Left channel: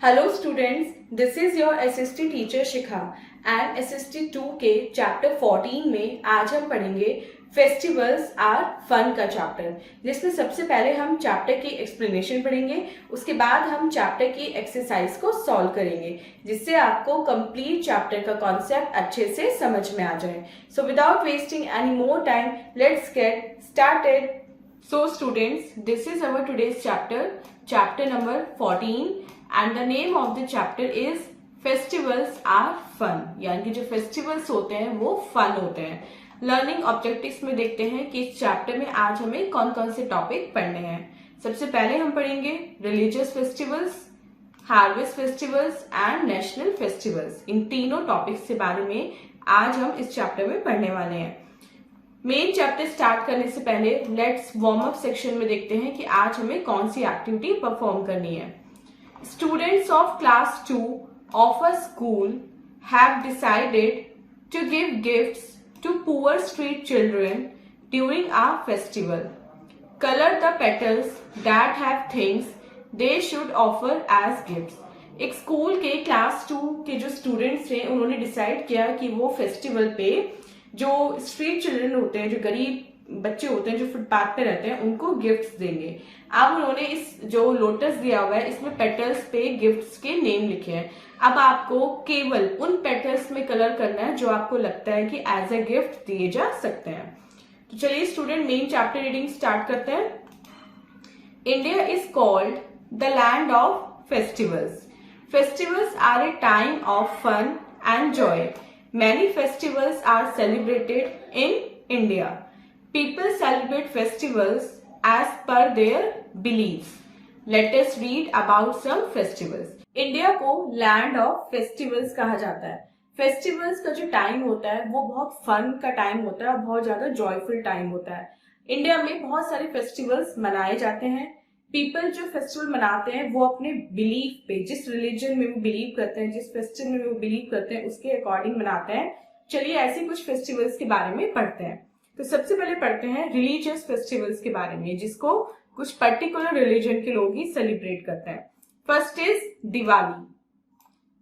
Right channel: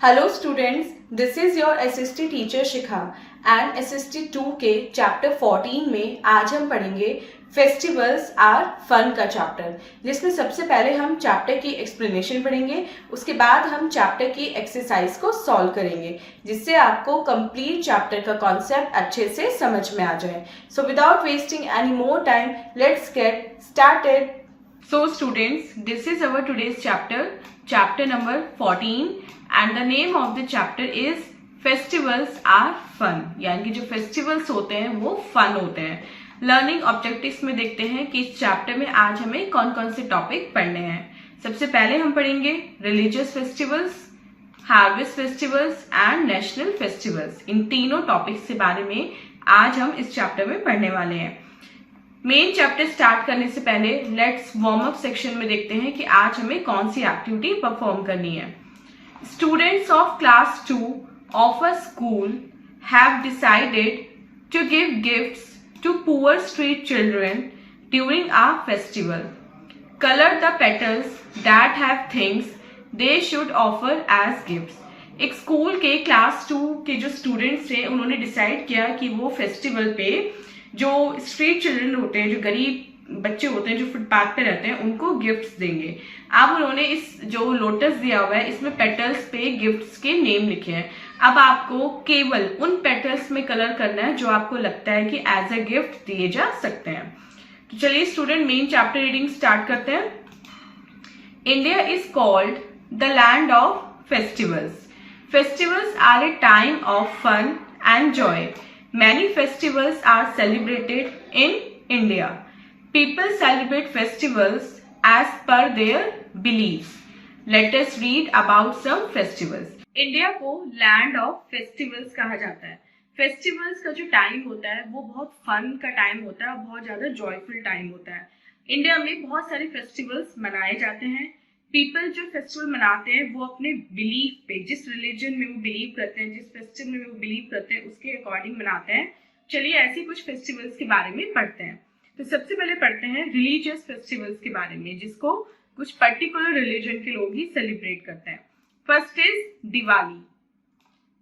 Hello students, this is your SST teacher Shikha and SST 2 के chapter 14 में आज हम पढ़ेंगे फेस्टिवल्स आर फन का चैप्टर, जिसमें सबसे पहले हम चैप्टर की एक्सप्लेनेशन पढ़ेंगे। उसके बाद हम चैप्टर की एक्सरसाइज को सॉल्व करेंगे, जिससे आपको कंप्लीट चैप्टर का कॉन्सेप्ट अच्छे से समझ में आ जाए। So without wasting any more time, let's get started. So students, this is our today's chapter number 14 and the name of the chapter is Festivals are fun। यानी कि जो फेस्टिवल्स होते हैं वो फन होते हैं। लर्निंग ऑब्जेक्टिव्स में देखते हैं कि इस चैप्टर में आज हमें कौन कौन से टॉपिक पढ़ने हैं। सबसे पहले हम पढ़ेंगे religious festivals, harvest festivals and national festivals. इन तीनों टॉपिक्स के बारे में आज हम इस चैप्टर में पढ़ने वाले हैं। मेन चैप्टर स्टार्ट करने से पहले लेट्स वार्म अप सेक्शन में देखते हैं कि आज हमें कौन सी एक्टिविटी परफॉर्म करनी है। Students of class 2 of a school have decided to give gifts to poor street children during a festival. Colour the petals that have things they should offer as gifts. एक school के class 2 के जो students थे उन्होंने decide किया कि वो festival पे जो स्ट्रीट चिल्ड्रन होते हैं, जो गरीब बच्चे होते हैं, जो फुटपाथ पे रहते हैं, उनको गिफ्ट्स देंगे। अब उन्होंने इस जो लोटस दिया हुआ है इसमें पेटल्स पे गिफ्ट्स के नेम लिखे हैं। अब आपको केवल उन पेटल्स में कलर करना है जो आपको लगता है कि एज अ गिफ्ट दिए जा सकते हैं। तो चलिए student main chapter reading start करते हैं। India is called the land of festivals. Festivals are a time of fun and joy. Many festivals are celebrated in India. People celebrate festivals as per their beliefs. Let us read about some festivals. India को land of festivals कहा जाता है। Festivals का जो time होता है वो बहुत फन का टाइम होता है और बहुत ज्यादा जॉयफुल टाइम होता है। इंडिया में बहुत सारे फेस्टिवल्स मनाए जाते हैं। पीपल जो फेस्टिवल मनाते हैं वो अपने बिलीफ पे, जिस रिलीजन में वो बिलीव करते हैं, जिस फेस्टिवल में वो बिलीव करते हैं, उसके अकॉर्डिंग मनाते हैं। चलिए ऐसे कुछ फेस्टिवल्स के बारे में पढ़ते हैं। तो सबसे पहले पढ़ते हैं रिलीजियस फेस्टिवल्स के बारे में, जिसको कुछ पर्टिकुलर रिलीजन के लोग ही सेलिब्रेट करते हैं। First is Diwali.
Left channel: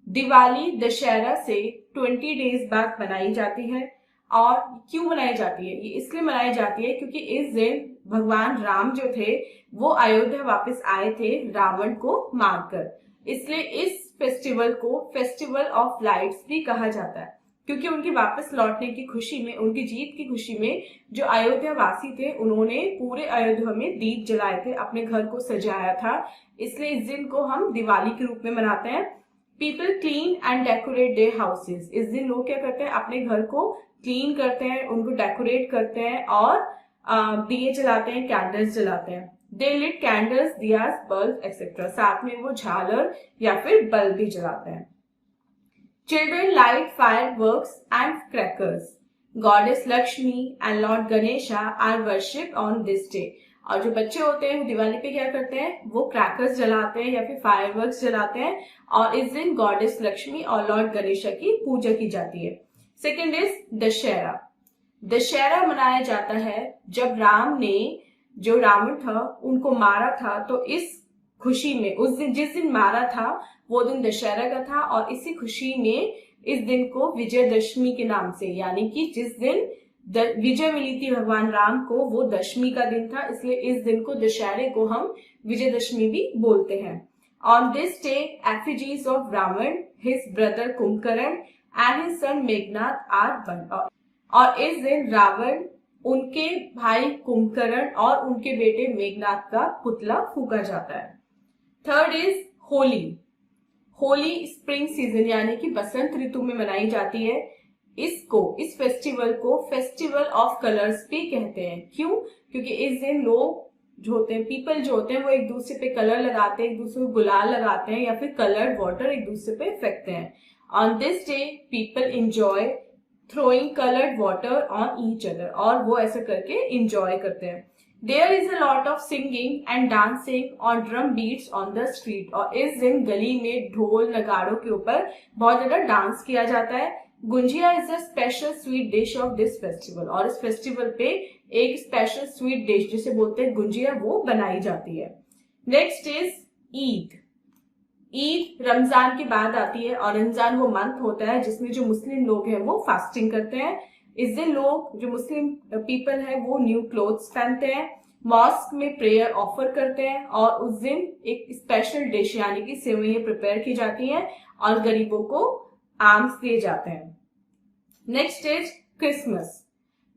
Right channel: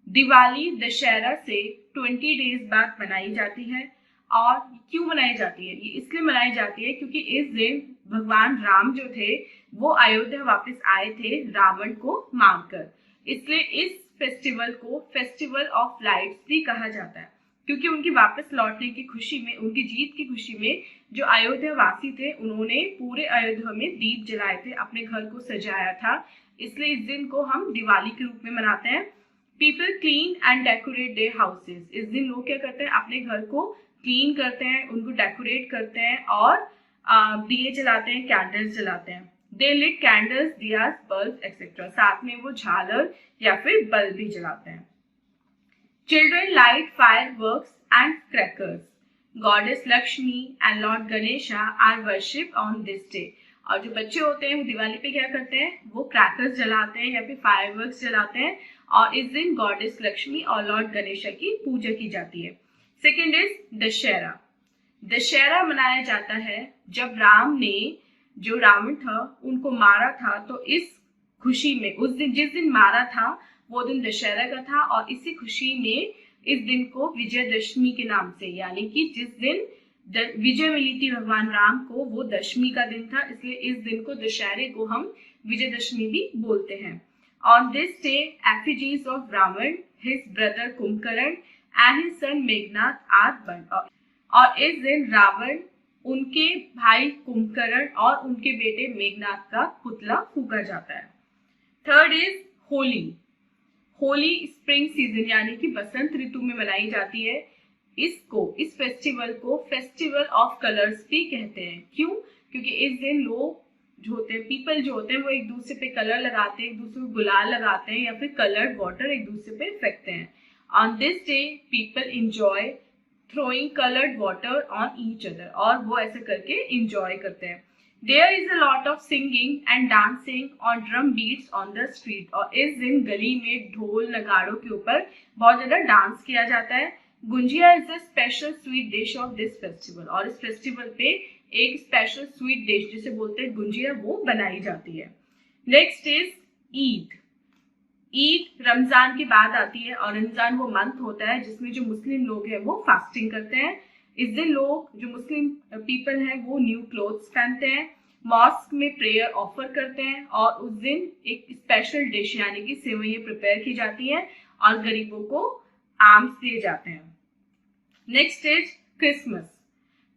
दिवाली दशहरा से 20 डेज बाद मनाई जाती है। और क्यों मनाई जाती है? ये इसलिए मनाई जाती है क्योंकि इस दिन भगवान राम जो थे वो अयोध्या वापस आए थे रावण को मारकर। इसलिए इस फेस्टिवल को फेस्टिवल ऑफ लाइट्स भी कहा जाता है, क्योंकि उनकी वापस लौटने की खुशी में, उनकी जीत की खुशी में जो अयोध्या वासी थे उन्होंने पूरे अयोध्या में दीप जलाए थे, अपने घर को सजाया था। इसलिए इस दिन को हम दिवाली के रूप में मनाते हैं। People clean and decorate their houses. इस दिन लोग क्या करते हैं? अपने घर को क्लीन करते हैं, उनको डेकोरेट करते हैं और दिए जलाते हैं, कैंडल्स जलाते हैं। दे lit candles, Diya's, bulb etcetera. साथ में वो झालर या फिर बल्ब भी जलाते हैं। Children light fireworks and crackers. Goddess Lakshmi and lord Ganesha are worshipped on this day. और जो बच्चे होते हैं वो दिवाली पे क्या करते हैं? वो क्रैकर्स जलाते हैं या फिर फायरवर्क्स जलाते हैं और इस दिन गॉडेस लक्ष्मी और लॉर्ड गणेशा की पूजा की जाती है। Second is Dussehra. दशहरा मनाया जाता है जब राम ने जो रावण था उनको मारा था, तो इस खुशी में, उस दिन जिस दिन मारा था वो दिन दशहरा का था और इसी खुशी में इस दिन को विजयदशमी के नाम से, यानी कि जिस दिन विजय मिली थी भगवान राम को वो दशमी का दिन था, इसलिए इस दिन को दशहरे को हम विजयदशमी भी बोलते हैं। On this day effigies of Ravan, his brother Kumbhkaran and his son Meghnad are burned. और इस दिन रावण, उनके भाई कुंभकर्ण और उनके बेटे मेघनाथ का पुतला फूका जाता है। Third is Holi. Holi spring season यानी कि बसंत ऋतु में मनाई जाती है। इस फेस्टिवल को फेस्टिवल ऑफ कलर्स भी कहते हैं। क्यों? क्योंकि इस दिन लोग जो होते हैं, पीपल जो होते हैं, वो एक दूसरे पे कलर लगाते हैं, एक दूसरे को गुलाल लगाते हैं या फिर कलर्ड वाटर एक दूसरे पे फेंकते हैं। On this day people enjoy throwing colored water on each other, और वो ऐसा करके enjoy करते हैं। There is a lot of singing and dancing on drum beats on the street, और इस दिन गली में ढोल नगाड़ों के ऊपर बहुत ज्यादा डांस किया जाता है। Gujiya is a special sweet dish of this festival, और इस फेस्टिवल पे एक स्पेशल स्वीट डिश जिसे बोलते हैं गुंजिया वो बनाई जाती है। Next is Eid. ईद रमजान के बाद आती है और रमजान वो मंथ होता है जिसमें जो मुस्लिम लोग हैं वो फास्टिंग करते हैं। इस दिन लोग जो मुस्लिम पीपल हैं वो न्यू क्लोथ्स पहनते हैं, मॉस्क में प्रेयर ऑफर करते हैं और उस दिन एक स्पेशल डिश यानी कि सेवइयां प्रिपेयर की जाती हैं और गरीबों को आर्म्स दिए जाते हैं। Next is Christmas.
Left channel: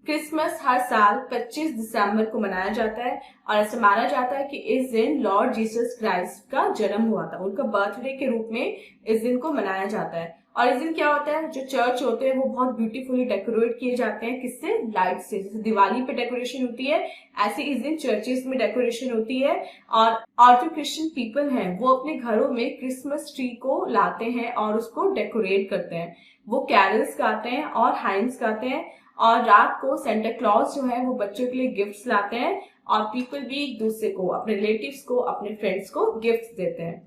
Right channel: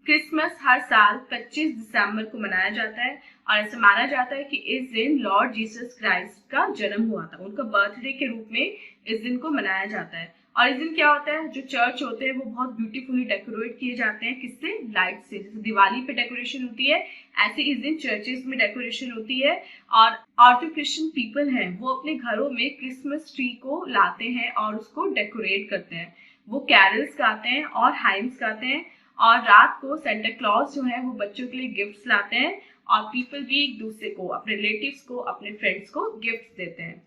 क्रिसमस हर साल 25 दिसंबर को मनाया जाता है और ऐसा माना जाता है कि इस दिन लॉर्ड जीसस क्राइस्ट का जन्म हुआ था, उनका बर्थडे के रूप में इस दिन को मनाया जाता है। और इस दिन क्या होता है, जो चर्च होते हैं वो बहुत ब्यूटीफुली डेकोरेट किए जाते हैं, किससे, लाइट से। जैसे दिवाली पे डेकोरेशन होती है ऐसे इस दिन चर्चेस में डेकोरेशन होती है। और जो क्रिश्चियन पीपल हैं वो अपने घरों में क्रिसमस ट्री को लाते हैं और उसको डेकोरेट करते हैं। वो कैरल्स गाते हैं और हाइम्स गाते हैं और रात को सेंटा क्लॉज जो है वो बच्चों के लिए गिफ्ट्स लाते हैं और पीपल भी एक दूसरे को, अपने रिलेटिव्स को, अपने फ्रेंड्स को गिफ्ट्स देते हैं।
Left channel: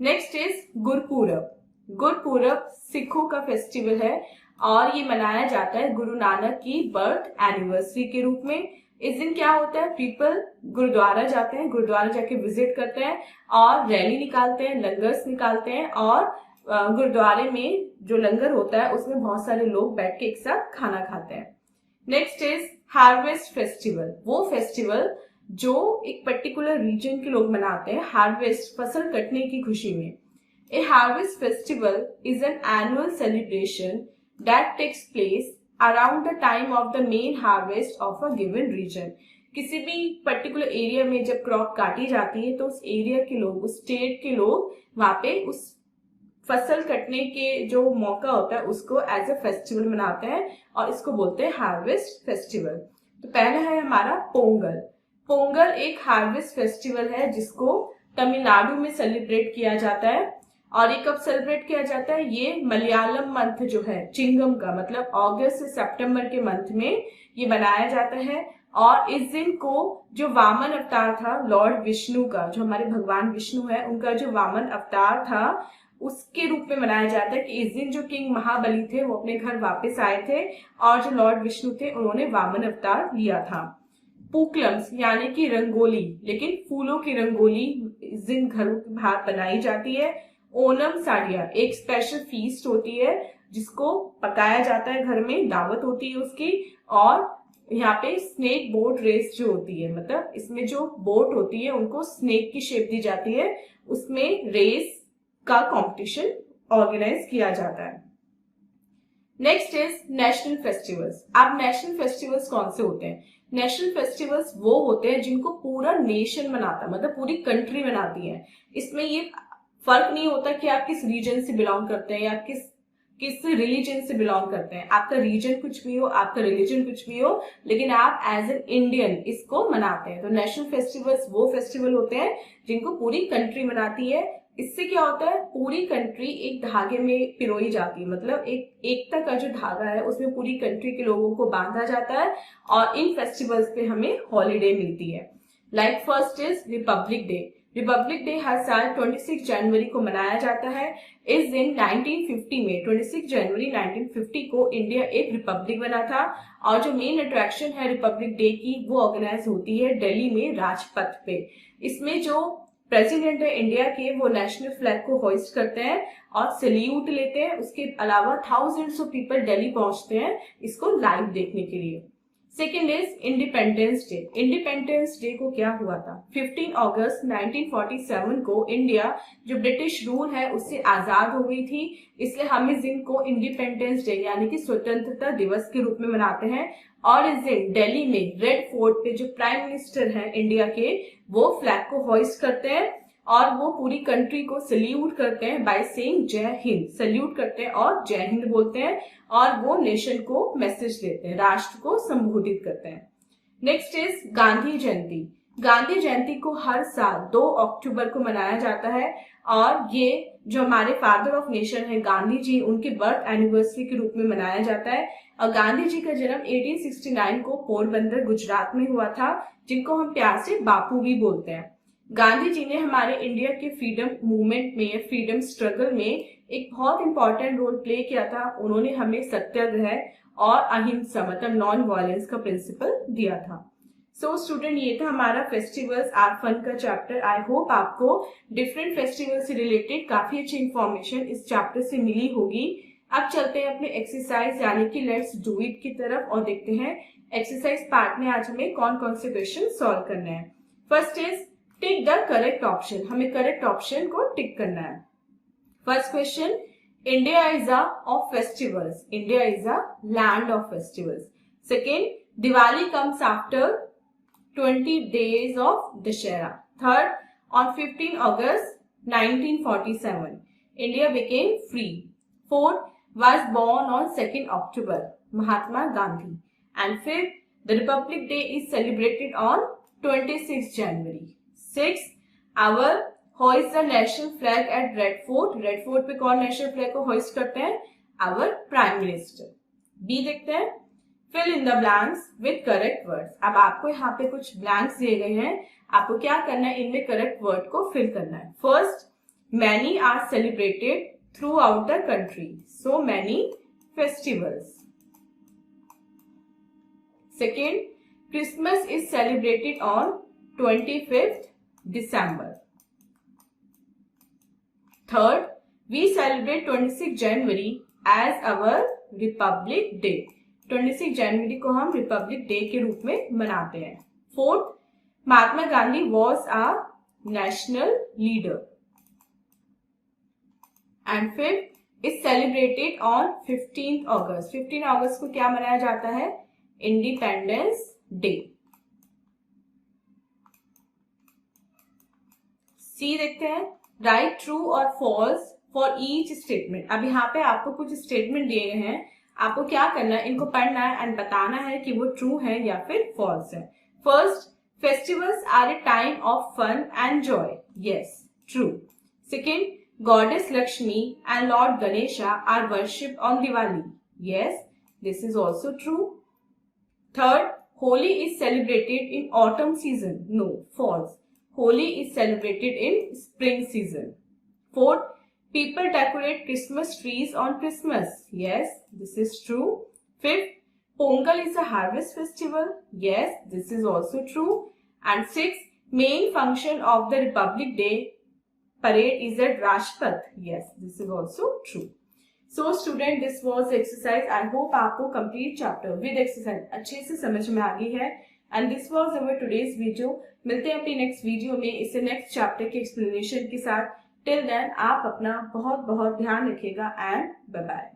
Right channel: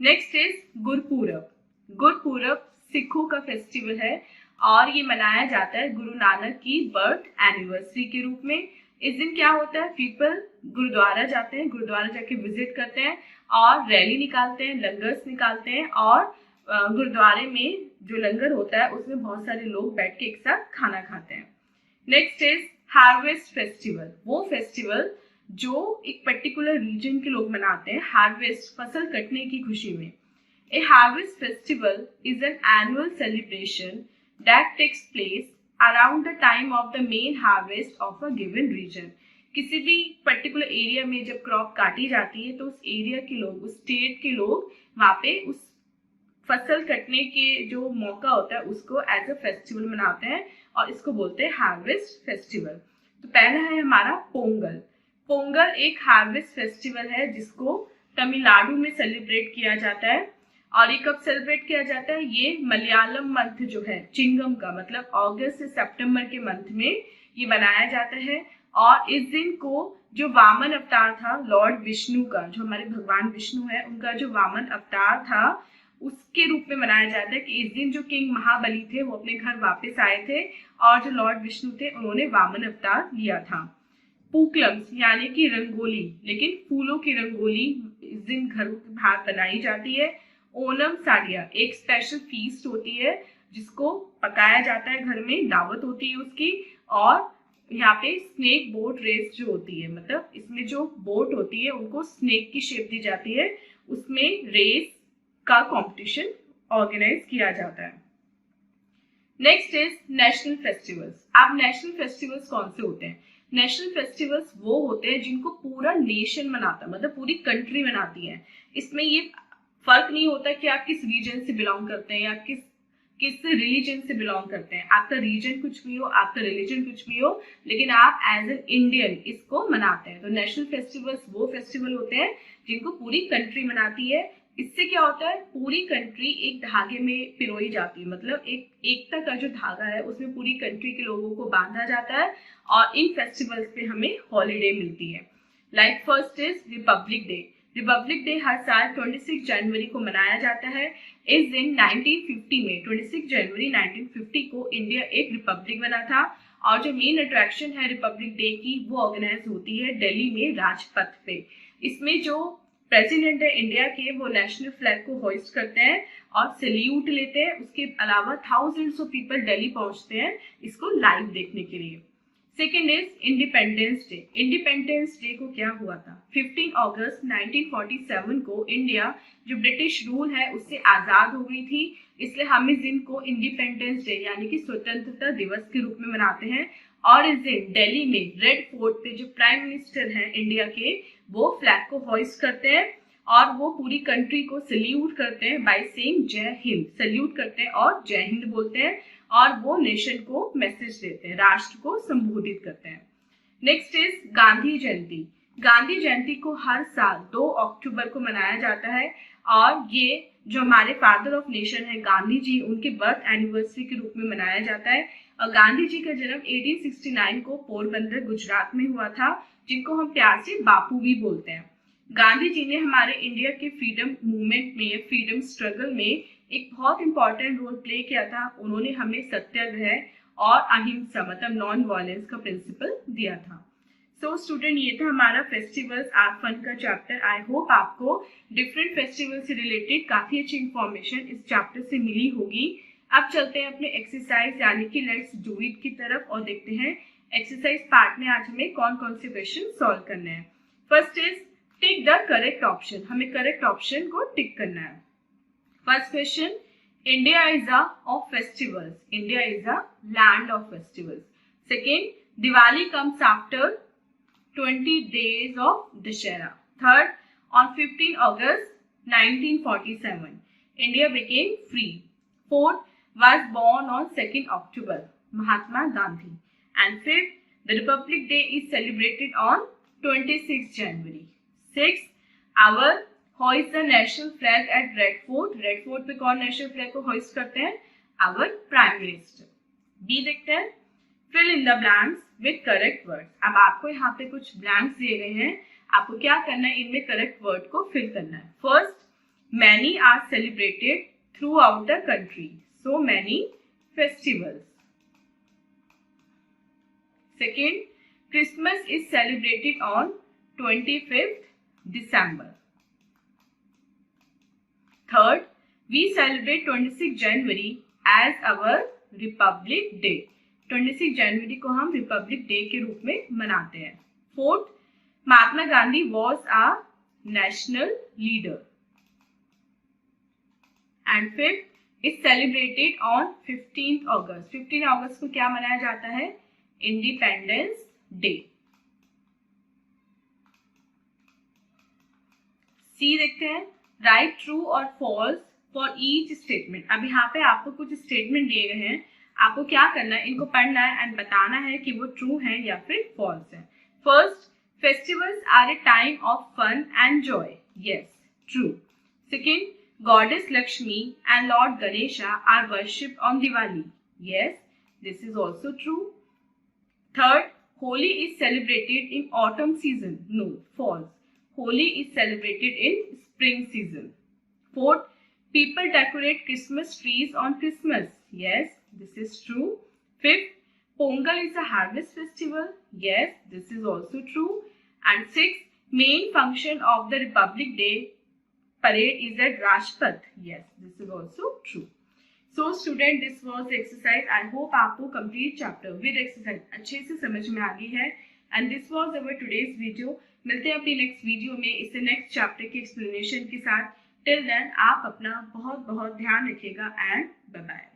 Next is Gurpurab. गुरपूरब सिखों का फेस्टिवल है और ये मनाया जाता है गुरु नानक की बर्थ एनिवर्सरी के रूप में। इस दिन क्या होता है, पीपल गुरुद्वारा जाते हैं, गुरुद्वारा जाके विजिट करते हैं और रैली निकालते हैं, लंगर्स निकालते हैं और गुरुद्वारे में जो लंगर होता है उसमें बहुत सारे लोग बैठ के एक साथ खाना खाते हैं। Next is harvest festival. वो फेस्टिवल जो एक पर्टिकुलर रीजन के लोग मनाते हैं हार्वेस्ट, फसल कटने की खुशी में। A harvest festival is an annual celebration that takes place around the time of the main harvest of a given region. किसी भी पर्टिकुलर एरिया में जब क्रॉप काटी जाती है तो उस एरिया के लोग, उस स्टेट के लोग वहां पे उस फसल कटने के जो मौका होता है उसको एज अ फेस्टिवल मनाते हैं और इसको बोलते हैं हार्वेस्ट फेस्टिवल। तो पहला है हमारा पोंगल। पोंगल एक हार्वेस्ट फेस्टिवल है जिसको तमिलनाडु में सेलिब्रेट किया जाता है और ये कब सेलिब्रेट किया जाता है, ये मलयालम मंथ जो है चिंगम का, मतलब अगस्त से सितंबर के मंथ में ये मनाया जाता है। और इस दिन को जो वामन अवतार था लॉर्ड विष्णु का, जो हमारे भगवान विष्णु है उनका जो वामन अवतार था उसके रूप में मनाया जाता है कि इस दिन जो किंग महाबली थे वो अपने घर वापस आए थे और जो लॉर्ड विष्णु थे उन्होंने वामन अवतार लिया था। पूक्लम्स यानी कि रंगोली, लेकिन फूलों की रंगोली इस दिन घरों के बाहर बनाई जाती है। ओनम साडिया एक स्पेशल फीस्ट होती है जिसको पकाया जाता है, घर में दावत होती है उसकी। और यहाँ पे स्नेक बोट रेस जो होती है, मतलब इसमें जो बोट होती है उनको स्नेक की शेप दी जाती है, उसमें रेस का कंपटीशन ऑर्गेनाइज किया जाता है। Next is national festivals. अब नेशनल फेस्टिवल्स कौन से होते हैं, नेशनल फेस्टिवल्स वो होते हैं जिनको पूरा नेशन मनाता है, मतलब पूरी कंट्री मनाती है। इसमें ये फर्क नहीं होता कि आप किस रीजन से बिलोंग करते हैं या किस रिलीजन से बिलोंग करते हैं। आपका रीजन कुछ भी हो, आपका रिलीजन कुछ भी हो, लेकिन आप एज एन इंडियन इसको मनाते हैं। तो नेशनल फेस्टिवल्स वो फेस्टिवल होते हैं जिनको पूरी कंट्री मनाती है। इससे क्या होता है, पूरी कंट्री एक धागे में पिरोई जाती है, मतलब एक एकता का जो धागा है उसमें पूरी कंट्री के लोगों को बांधा जाता है और इन फेस्टिवल्स पे हमें हॉलीडे मिलती है। Like first is republic day. Republic day हर साल 26 जनवरी को मनाया जाता है। इस दिन 1950 में 26 जनवरी 1950 को इंडिया एक रिपब्लिक बना था और जो मेन अट्रैक्शन है रिपब्लिक डे की वो ऑर्गेनाइज होती है दिल्ली में राजपथ पे। इसमें जो प्रेसिडेंट है इंडिया के वो नेशनल फ्लैग को होइस्ट करते हैं और सैल्यूट लेते हैं। उसके अलावा थाउजेंड्स ऑफ पीपल दिल्ली पहुंचते हैं इसको लाइव देखने के लिए। Second is independence day. Independence day को क्या हुआ था, 15 अगस्त 1947 को इंडिया जो ब्रिटिश रूल है उससे आजाद हो गई थी, इसलिए हम इस दिन को इंडिपेंडेंस डे यानी कि स्वतंत्रता दिवस के रूप में मनाते हैं। और इस दिन दिल्ली में रेड फोर्ट पे जो प्राइम मिनिस्टर हैं इंडिया के वो फ्लैग को होइस्ट करते हैं और वो पूरी कंट्री को सल्यूट करते हैं बाय सेइंग जय हिंद। सल्यूट करते हैं और जय हिंद बोलते हैं और वो नेशन को मैसेज देते हैं, राष्ट्र को संबोधित करते हैं। नेक्स्ट इज गांधी जयंती। गांधी जयंती को हर साल 2 अक्टूबर को मनाया जाता है और ये जो हमारे फादर ऑफ नेशन है गांधी जी, उनके बर्थ एनिवर्सरी के रूप में मनाया जाता है। और गांधी जी का जन्म 1869 को पोरबंदर गुजरात में हुआ था, जिनको हम प्यार से बापू भी बोलते हैं। गांधी जी ने हमारे इंडिया के फ्रीडम मूवमेंट में, फ्रीडम स्ट्रगल में एक बहुत इंपॉर्टेंट रोल प्ले किया था। उन्होंने हमें सत्याग्रह और अहिंसा मतलब नॉन वायलेंस का प्रिंसिपल दिया था। सो स्टूडेंट, ये था हमारा फेस्टिवल्स आर फन का चैप्टर। आई होप आपको डिफरेंट फेस्टिवल से रिलेटेड काफी अच्छी इंफॉर्मेशन इस चैप्टर से मिली होगी। अब चलते हैं अपने एक्सरसाइज यानी कि लेट्स डू इट की तरफ और देखते हैं एक्सरसाइज पार्ट में आज हमें कौन कौन से क्वेश्चन सॉल्व करने हैं। First is tick the correct option. हमें करेक्ट ऑप्शन को टिक करना है। First question, India is a of festivals. India is a land of festivals. Second, Diwali comes after 20 days of Dashera. Third, on 15 August 1947, India became free. Fourth, was born on 2nd October, Mahatma Gandhi. And fifth, the Republic Day is celebrated on 26th January. Sixth, our hoist the national flag at Red Fort. Red Fort पे कौन national flag को hoist करते हैं? Our prime minister. B देखते हैं, fill in the blanks with correct words. अब आपको यहाँ पे कुछ ब्लैंक्स दिए गए हैं, आपको क्या करना है, इनमें करेक्ट वर्ड को फिल करना है। First, many are celebrated throughout the country, so many festivals. Second, Christmas is celebrated on 25th December. Third, we celebrate 26 January as our republic day. 26 जनवरी को हम रिपब्लिक डे के रूप में मनाते हैं। Fourth, Mahatma Gandhi was a national leader. And fifth, is celebrated on 15th August। 15 अगस्त को क्या मनाया जाता है? Independence day. सी देखते हैं, राइट ट्रू और फॉल्स फॉर ईच स्टेटमेंट। अब यहाँ पे आपको कुछ स्टेटमेंट दिए गए हैं, आपको क्या करना है, इनको पढ़ना है एंड बताना है कि वो ट्रू है या फिर फॉल्स है। First, festivals are a time of fun and joy. Yes, true. Second, goddess Lakshmi and lord Ganesha are worshipped on Diwali. Yes, this is also true. Third, Holi is celebrated in autumn season. No, false. Holi is celebrated in spring season. Fourth, people decorate Christmas trees on Christmas. Yes, this is true. Fifth, Pongal is a harvest festival. Yes, this is also true. And sixth, main function of the Republic Day parade is at Rajpath. Yes, this is also true. So student, this was the exercise. I hope आपको complete chapter with exercise अच्छे से समझ में आ गई है। And this was our today's video. मिलते हैं अपनी next video में इससे next chapter की explanation के साथ। टिल देन आप अपना बहुत बहुत ध्यान रखिएगा एंड बाय बाय।